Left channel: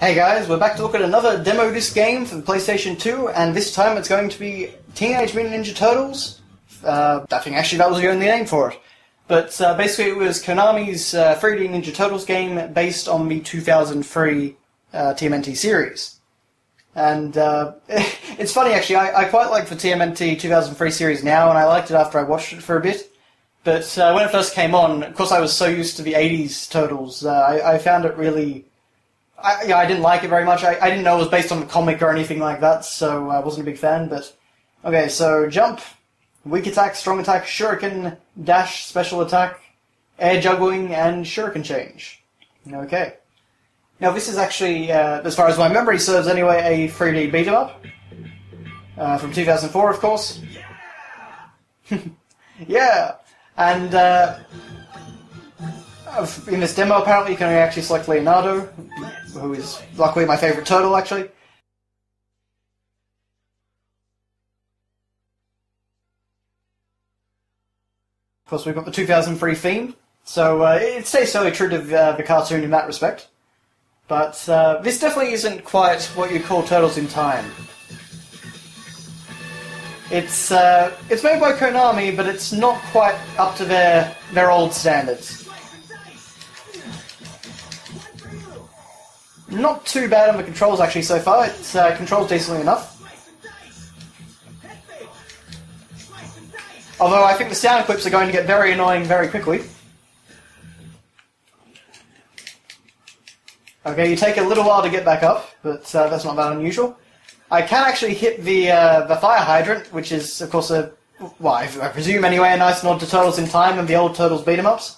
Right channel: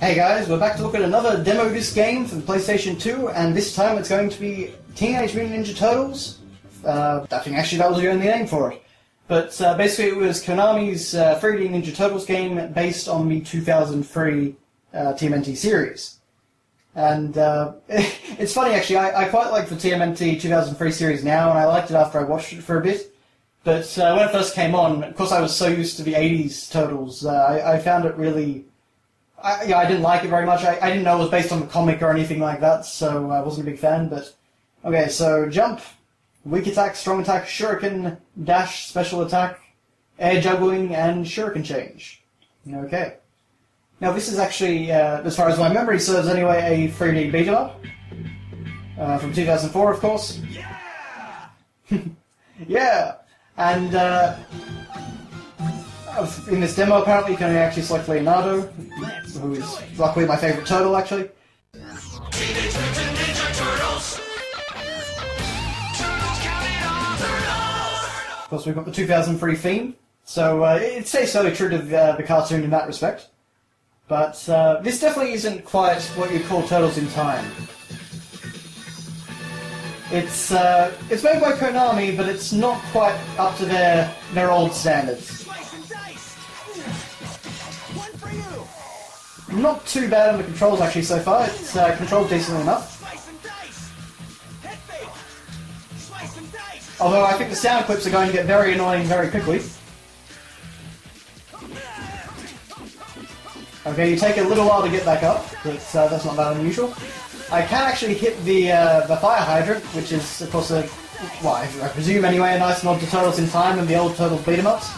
Hey guys, we're back to look at another demo disc game for the PlayStation 2, and this time it's going to be Teenage Mutant Ninja Turtles. I think actually that was the only name for it. But basically it was Konami's 3D Ninja Turtles game based on the 2003 TMNT series. And it's funny actually, I quite like the TMNT 2003 series now, and I liked it after I watched it for a bit. But when it first came on, of course I was so used to the 80s Turtles, I found it really... I didn't like it very much. I didn't know it was based on the comic or anything like that, so I wasn't a big fan, but... Okay, so jump, weak attack, strong attack, shuriken, dash, special attack, air juggling, and shuriken change. Okay. Now this is actually, as far as my memory serves anyway, a 3D beat-em-up. From 2004, of course. Yeah! Yeah! And, in this demo, apparently, you can actually select Leonardo, who is luckily my favourite turtle, actually. Of course, we've got the 2003 theme, so it stays fairly true to the cartoon in that respect. But this definitely isn't quite what you'd call Turtles in Time. It's made by Konami, but it's not quite up to their old standards. Not too bad on the controls actually so far. It's controls decently enough. Although I think the sound clips are going to get very annoying very quickly. Okay, you take a little while to get back up, but that's not that unusual. I can actually hit the fire hydrant, which is of course well, I presume anyway, a nice nod to Turtles in Time and the old Turtles beat-em-ups.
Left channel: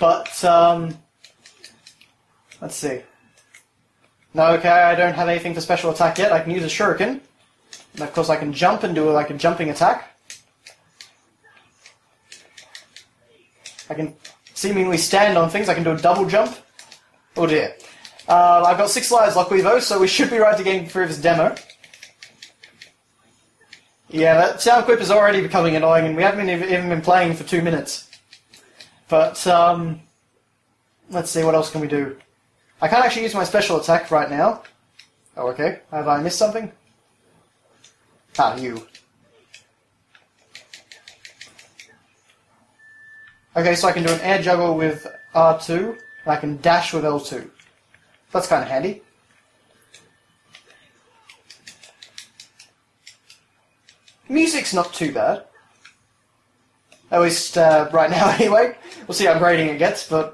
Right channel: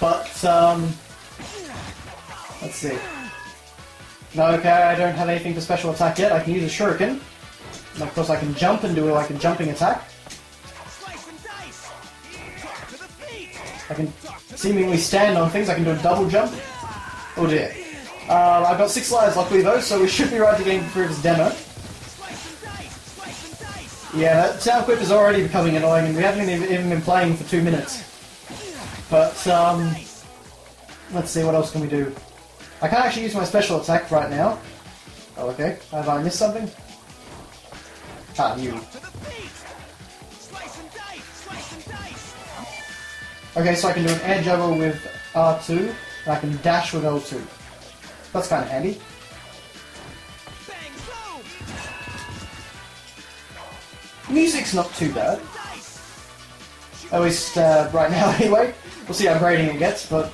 But let's see. No, okay, I don't have anything for special attack yet. I can use a shuriken. And of course I can jump and do like a jumping attack. I can seemingly stand on things. I can do a double jump. Oh dear. I've got 6 lives luckily though, so we should be right to getting through this demo. Yeah, that sound clip is already becoming annoying, and we haven't even been playing for 2 minutes. But, let's see, what else can we do? I can't actually use my special attack right now. Oh, okay. Have I missed something? Ah, you. Okay, so I can do an air juggle with R2, and I can dash with L2. That's kind of handy. Music's not too bad. At least right now anyway. We'll see how grading it gets, but...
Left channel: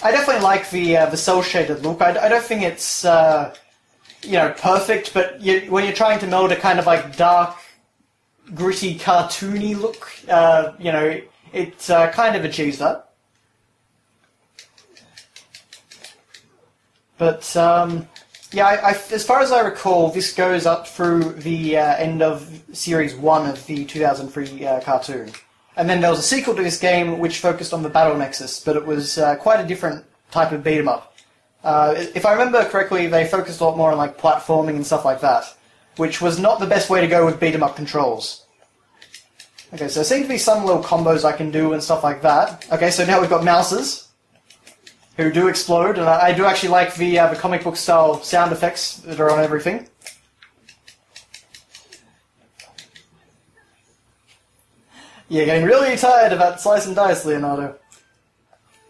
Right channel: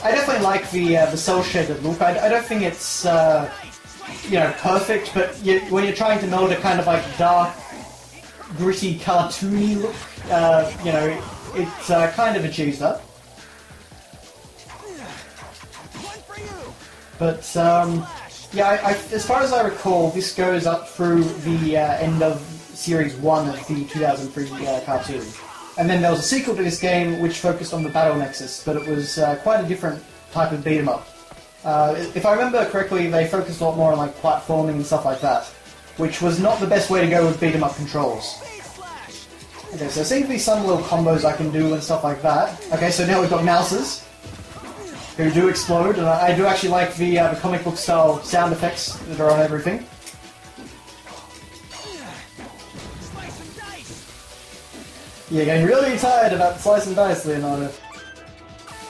I definitely like the cel-shaded look. I don't think it's, you know, perfect, but when you're trying to meld a kind of like dark, gritty, cartoony look, you know, it kind of achieves that. But, yeah, as far as I recall, this goes up through the end of Series 1 of the 2003 cartoon. And then there was a sequel to this game which focused on the Battle Nexus, but it was quite a different type of beat-em-up. If I remember correctly, they focused a lot more on like platforming and stuff like that, which was not the best way to go with beat-em-up controls. Okay, so there seem to be some little combos I can do and stuff like that. Okay, so now we've got mouses, who do explode, and I do actually like the comic book style sound effects that are on everything. You're getting really tired of that slice and dice, Leonardo.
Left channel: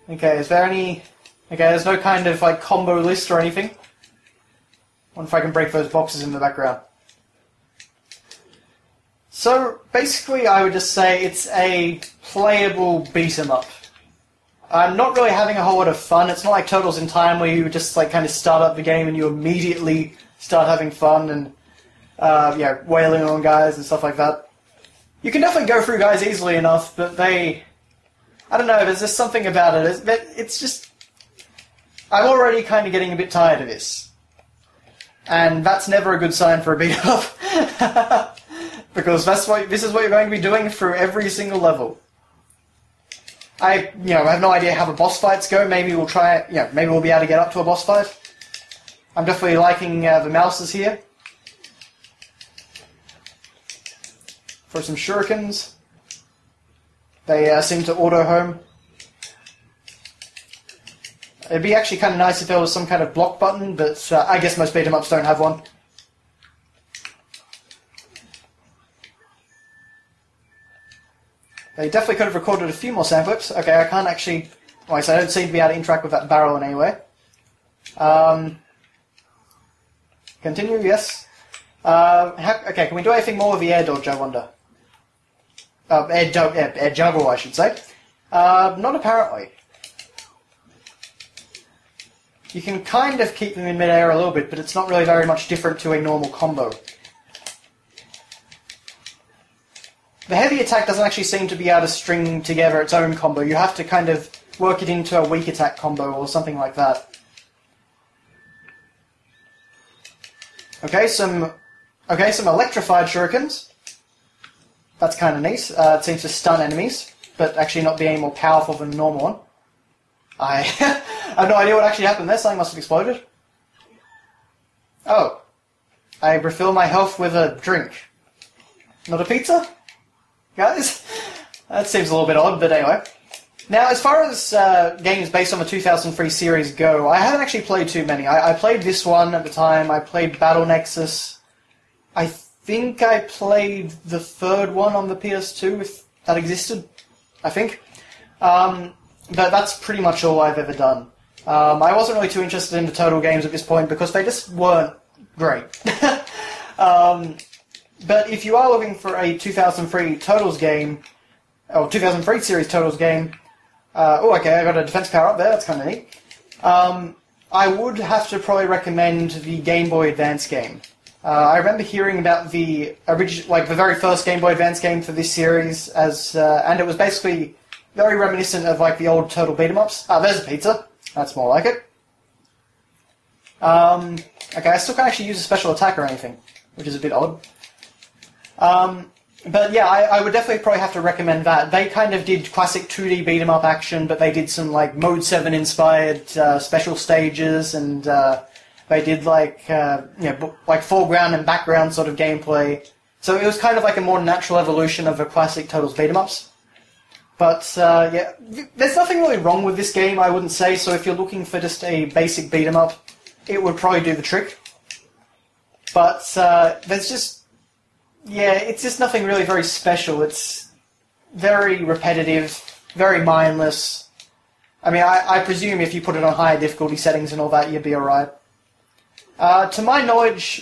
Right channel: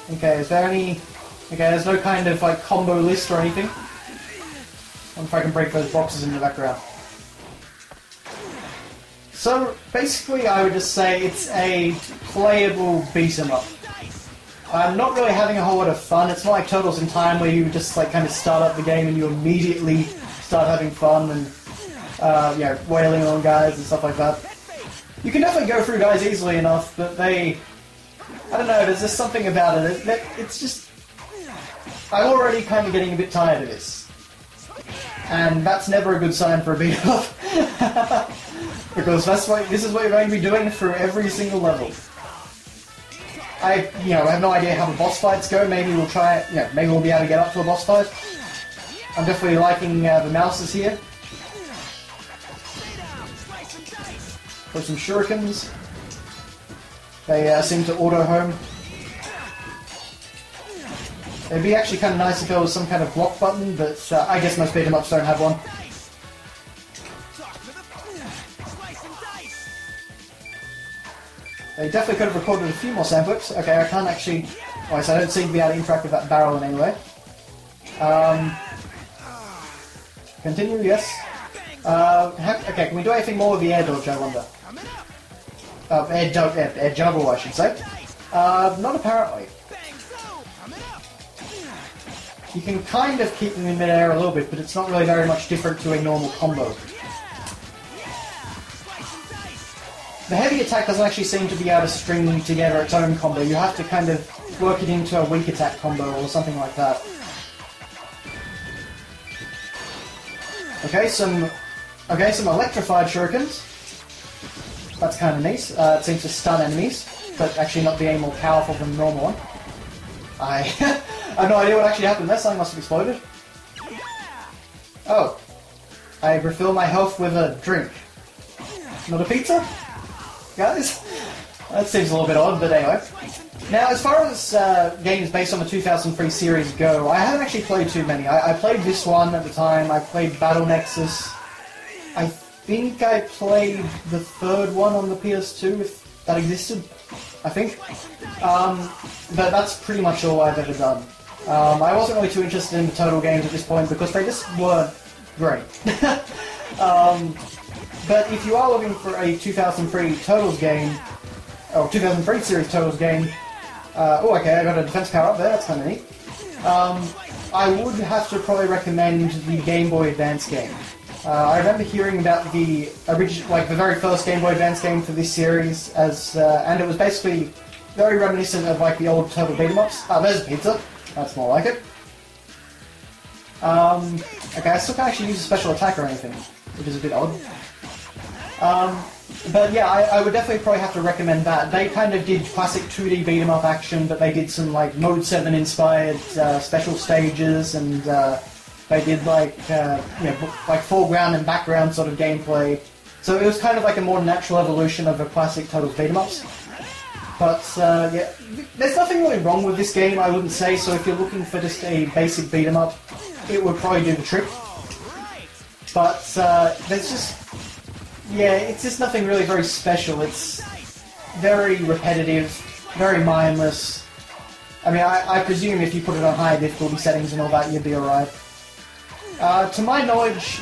Okay, is there any... Okay, there's no kind of like combo list or anything. I wonder if I can break those boxes in the background. So, basically I would just say it's a playable beat-em-up. I'm not really having a whole lot of fun. It's not like Turtles in Time where you just like kind of start up the game and you immediately start having fun and you know, wailing on guys and stuff like that. You can definitely go through guys easily enough, but they... I don't know, there's just something about it. It's just... I'm already kind of getting a bit tired of this. And that's never a good sign for a beat-up. Because this is what you're going to be doing through every single level. I have no idea how the boss fights go. Maybe we'll try it, maybe we'll be able to get up to a boss fight. I'm definitely liking the mouses here. For some shurikens. They seem to auto-home. It'd be actually kind of nice if there was some kind of block button, but I guess most beat-em-ups don't have one. They definitely could have recorded a few more sound clips. Okay, I can't actually... Well, so I don't seem to be able to interact with that barrel in any way. Continue, yes. Okay, can we do anything more with the air dodge, I wonder? Air juggle, I should say. Not apparently. You can kind of keep them in mid-air a little bit, but it's not really very much different to a normal combo. The heavy attack doesn't actually seem to be able to string together its own combo. You have to kind of work it into a weak attack combo or something like that. Okay, some electrified shurikens. That's kind of neat. It seems to stun enemies, but actually not be any more powerful than the normal one. I have no idea what actually happened there. Something must have exploded. Oh. I refill my health with a drink. Not a pizza? Guys? That seems a little bit odd, but anyway. Now, as far as games based on the 2003 series go, I haven't actually played too many. I played this one at the time, I played Battle Nexus. I think I played the third one on the PS2, if that existed. I think. But that's pretty much all I've ever done. I wasn't really too interested in the Total games at this point because they just weren't great. But if you are looking for a 2003 Totals game, or 2003 series Totals game, oh okay, I got a defense power up there, that's kind of neat. I would have to probably recommend the Game Boy Advance game. I remember hearing about the the very first Game Boy Advance game for this series, and it was basically very reminiscent of like the old Total beat-em-ups. Ah, there's a pizza. That's more like it. Okay, I still can't actually use a special attack or anything, which is a bit odd. But yeah, I would definitely probably have to recommend that. They kind of did classic 2D beat-em-up action, but they did some like Mode 7 inspired special stages, and they did like like foreground and background sort of gameplay. So it was kind of like a more natural evolution of the classic Totals beat-em-ups. But yeah, there's nothing really wrong with this game, I wouldn't say. So if you're looking for just a basic beat-em-up, it would probably do the trick. But there's just... Yeah, it's just nothing really very special. It's very repetitive, very mindless. I mean, I presume if you put it on higher difficulty settings and all that, you'd be alright. To my knowledge,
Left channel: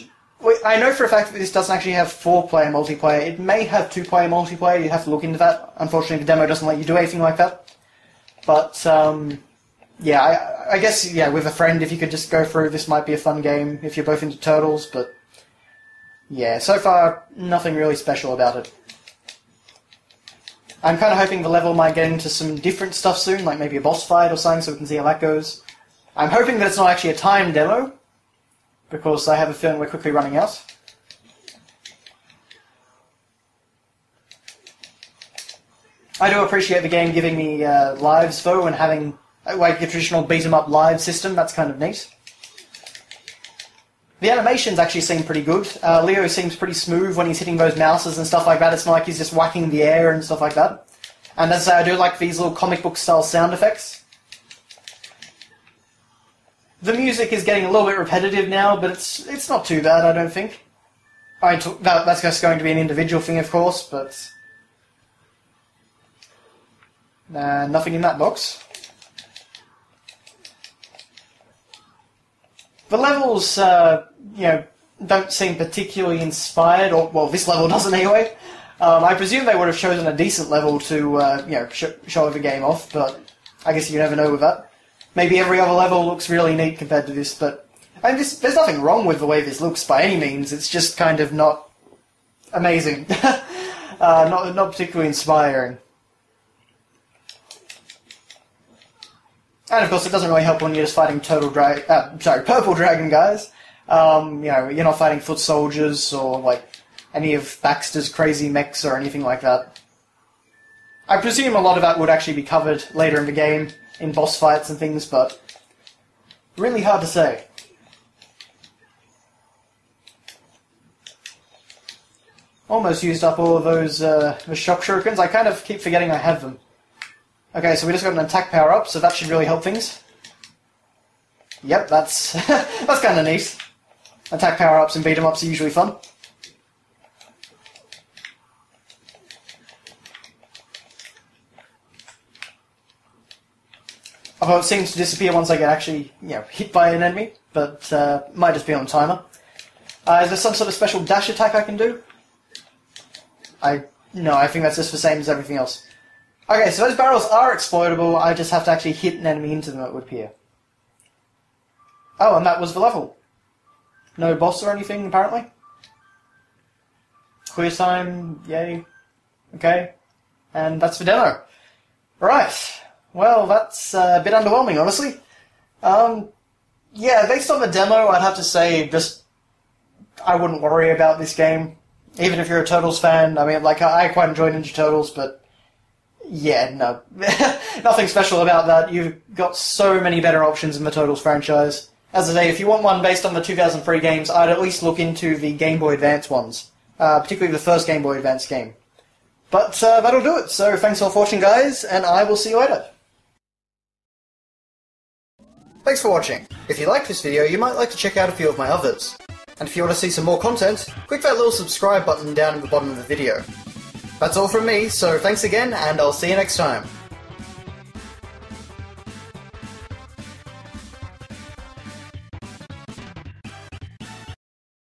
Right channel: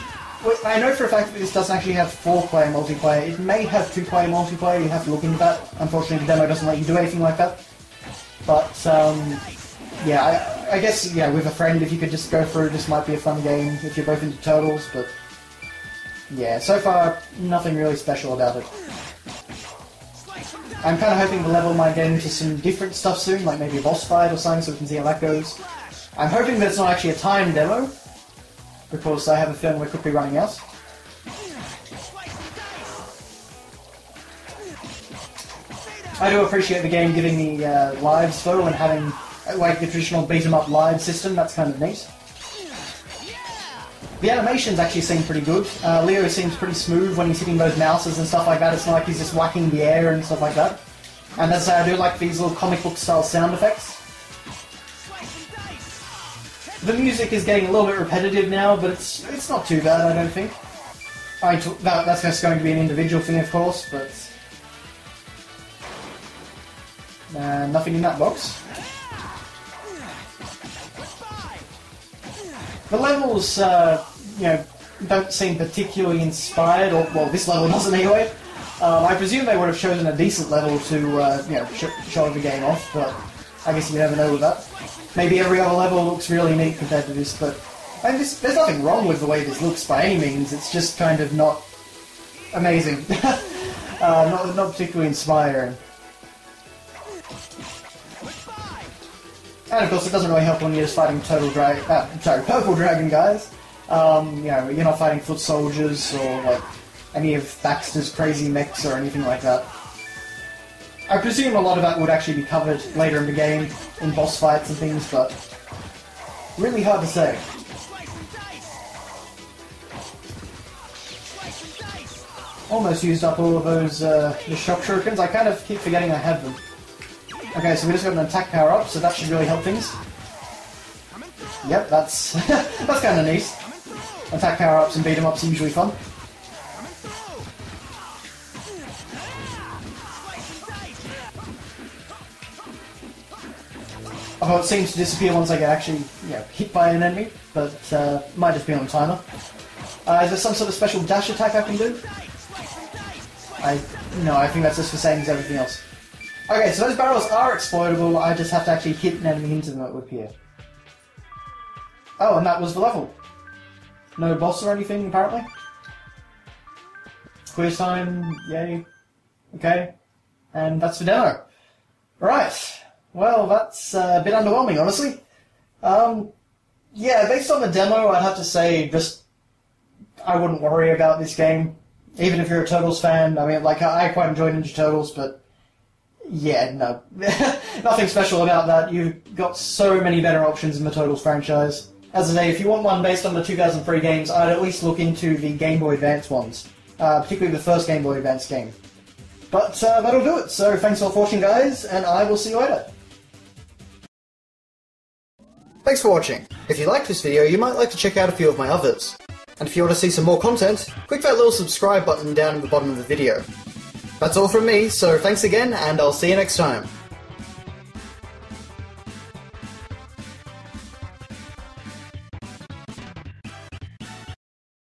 I know for a fact that this doesn't actually have 4-player multiplayer. It may have 2-player multiplayer, you have to look into that. Unfortunately, the demo doesn't let you do anything like that. But, yeah, I guess, yeah, with a friend, if you could just go through, this might be a fun game if you're both into Turtles, but... Yeah, so far, nothing really special about it. I'm kind of hoping the level might get into some different stuff soon, like maybe a boss fight or something, so we can see how that goes. I'm hoping that it's not actually a timed demo, because I have a feeling we're quickly running out. I do appreciate the game giving me lives, though, and having like the traditional beat-em-up live system. That's kind of neat. The animations actually seem pretty good. Leo seems pretty smooth when he's hitting those mouses and stuff like that. It's not like he's just whacking the air and stuff like that. And as I say, I do like these little comic book style sound effects. The music is getting a little bit repetitive now, but it's not too bad, I don't think. That's just going to be an individual thing, of course, but... nothing in that box. The levels, don't seem particularly inspired, or, well, this level doesn't anyway. I presume they would have chosen a decent level to, show the game off, but I guess you never know with that. Maybe every other level looks really neat compared to this, but I mean, there's nothing wrong with the way this looks by any means. It's just kind of not amazing, not particularly inspiring. And of course, it doesn't really help when you're just fighting Purple Dragon guys. You're not fighting foot soldiers or like any of Baxter's crazy mechs or anything like that. I presume a lot of that would actually be covered later in the game in boss fights and things, but really hard to say. Almost used up all of those the shock shurikens. I kind of keep forgetting I have them. Okay, so we just got an attack power up, so that should really help things. Yep, that's that's kind of neat. Attack power-ups and beat-em-ups are usually fun. Although it seems to disappear once I get actually, hit by an enemy, but might just be on timer. Is there some sort of special dash attack I can do? No, I think that's just the same as everything else. Okay, so those barrels are exploitable, I just have to actually hit an enemy into them, it would appear. Oh, and that was the level. No boss or anything, apparently. Quiz time, yay. Okay. And that's the demo. Right. Well, that's a bit underwhelming, honestly. Yeah, based on the demo, I'd have to say just... I wouldn't worry about this game. Even if you're a Turtles fan. I mean, like, I quite enjoy Ninja Turtles, but... Yeah, no. Nothing special about that. You've got so many better options in the Turtles franchise. As I say, if you want one based on the 2003 games, I'd at least look into the Game Boy Advance ones. Particularly the first Game Boy Advance game. But that'll do it. So thanks all for watching, guys, and I will see you later. Thanks for watching. If you liked this video, you might like to check out a few of my others. And if you want to see some more content, click that little subscribe button down at the bottom of the video. That's all from me, so thanks again, and I'll see you next time.